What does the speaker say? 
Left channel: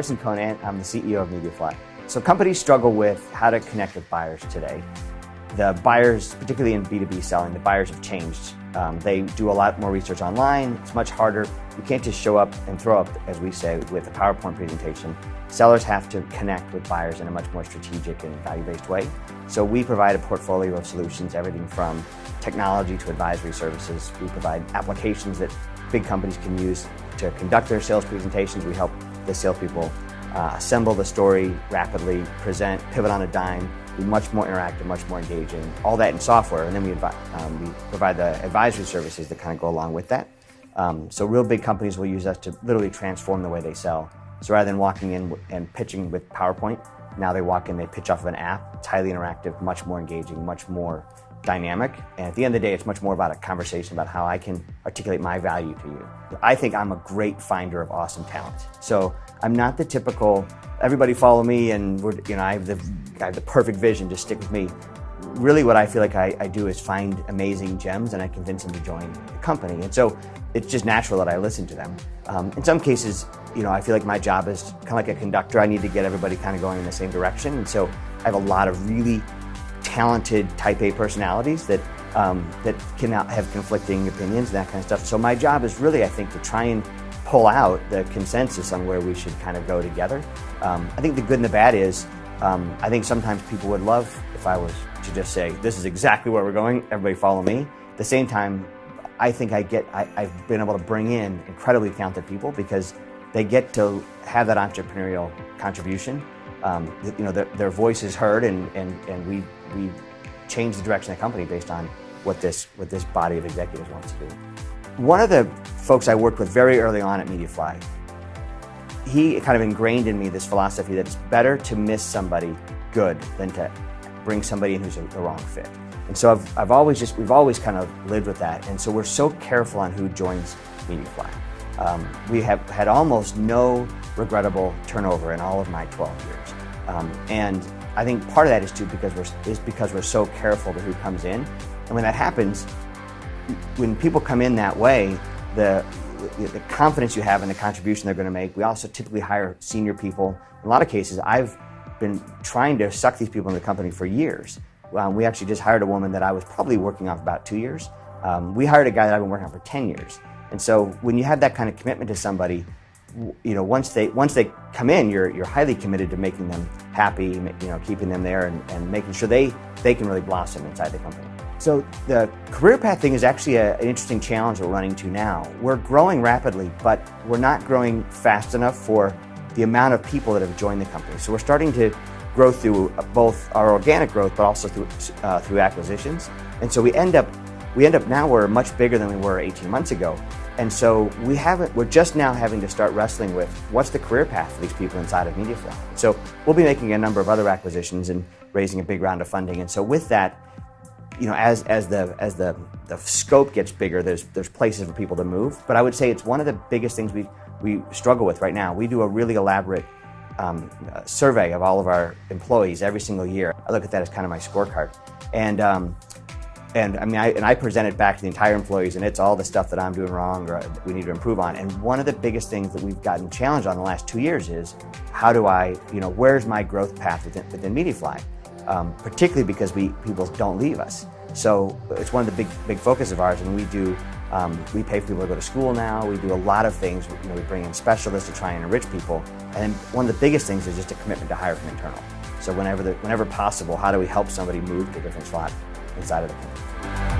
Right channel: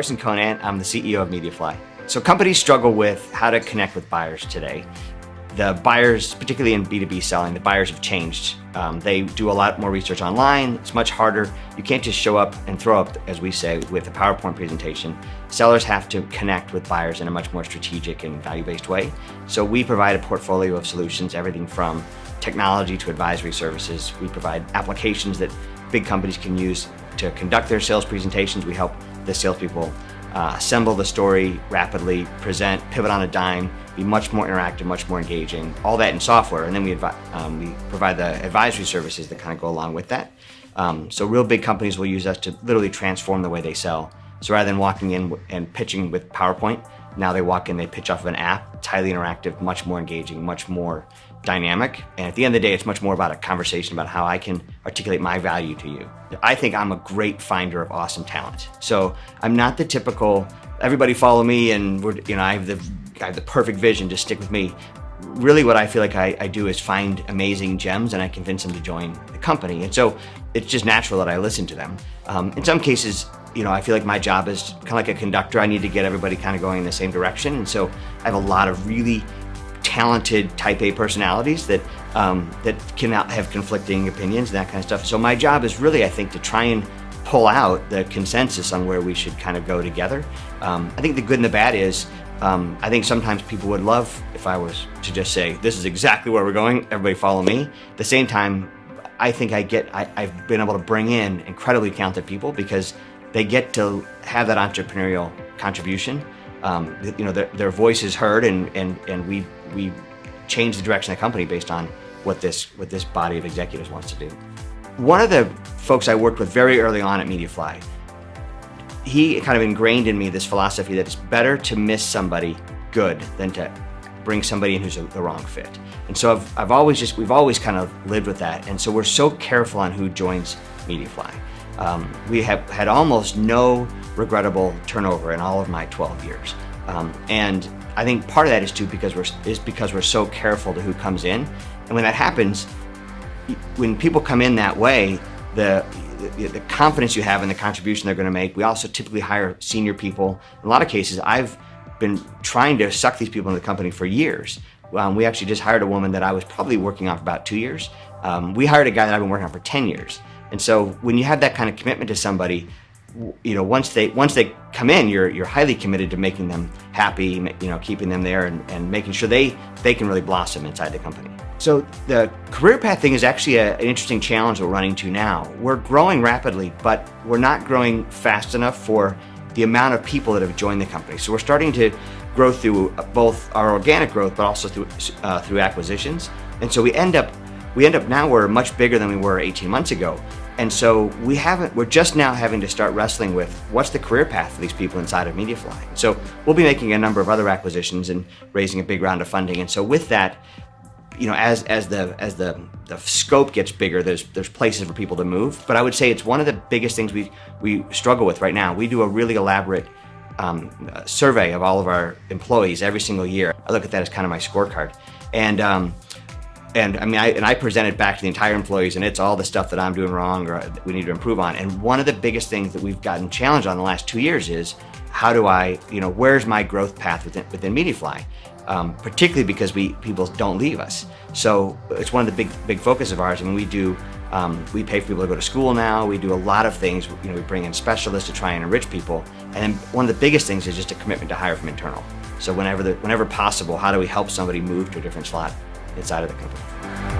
Carson Conant. I'm the CEO of Mediafly. So companies struggle with how to connect with buyers today. The buyers, particularly in B2B selling, the buyers have changed. They do a lot more research online. It's much harder. You can't just show up and throw up, as we say, with a PowerPoint presentation. Sellers have to connect with buyers in a much more strategic and value-based way. So we provide a portfolio of solutions, everything from technology to advisory services. We provide applications that big companies can use to conduct their sales presentations. We help the salespeople assemble the story rapidly, present, pivot on a dime, be much more interactive, much more engaging, all that in software. And then we provide the advisory services that kind of go along with that. So real big companies will use us to literally transform the way they sell. So rather than walking in and pitching with PowerPoint, now they walk in, they pitch off of an app. It's highly interactive, much more engaging, much more dynamic. And at the end of the day, it's much more about a conversation about how I can articulate my value to you. I think I'm a great finder of awesome talent. So I'm not the typical, everybody follow me and I have the perfect vision, just stick with me. Really what I feel like I do is find amazing gems and I convince them to join the company. And so it's just natural that I listen to them. In some cases, I feel like my job is kind of like a conductor. I need to get everybody kind of going in the same direction. And so I have a lot of really talented type A personalities that can have conflicting opinions and that kind of stuff. So my job is really, I think, to try and pull out the consensus on where we should kind of go together. I think the good and the bad is, I think sometimes people would love if I was to just say, this is exactly where we're going, everybody follow me. At the same time, I think I've been able to bring in incredibly talented people because they get to have that entrepreneurial contribution. Their voice is heard and we change the direction of the company based on what this body of executives wants to do. One of the folks I worked with very early on at Mediafly, he kind of ingrained in me this philosophy that it's better to miss somebody good than to bring somebody in who's the wrong fit. And so we've always kind of lived with that. And so we're so careful on who joins Mediafly. We have had almost no regrettable turnover in all of my 12 years. And I think part of that is because we're so careful to who comes in. And when that happens, when people come in that way, the confidence you have in the contribution they're going to make. We also typically hire senior people. In a lot of cases, I've been trying to suck these people in the company for years. We actually just hired a woman that I was probably working on for about 2 years. We hired a guy that I've been working on for 10 years. And so when you have that kind of commitment to somebody, once they come in, you're highly committed to making them happy, keeping them there and making sure they can really blossom inside the company. So the career path thing is actually an interesting challenge we're running to now. We're growing rapidly, but we're not growing fast enough for the amount of people that have joined the company. So we're starting to grow through both our organic growth, but also through acquisitions. And so we end up now we're much bigger than we were 18 months ago. And so we're just now having to start wrestling with what's the career path for these people inside of Mediafly. So we'll be making a number of other acquisitions and raising a big round of funding. And so with that, as the scope gets bigger, there's places for people to move. But I would say it's one of the biggest things we struggle with right now. We do a really elaborate survey of all of our employees every single year. I look at that as kind of my scorecard. And I present it back to the entire employees, and it's all the stuff that I'm doing wrong or we need to improve on. And one of the biggest things that we've gotten challenged on the last 2 years is how do where's my growth path within Mediafly? Particularly because people don't leave us. So it's one of the big focus of ours. And we pay for people to go to school now. We do a lot of things. We bring in specialists to try and enrich people. And then one of the biggest things is just a commitment to hire from internal. So whenever possible, how do we help somebody move to a different slot inside of the company?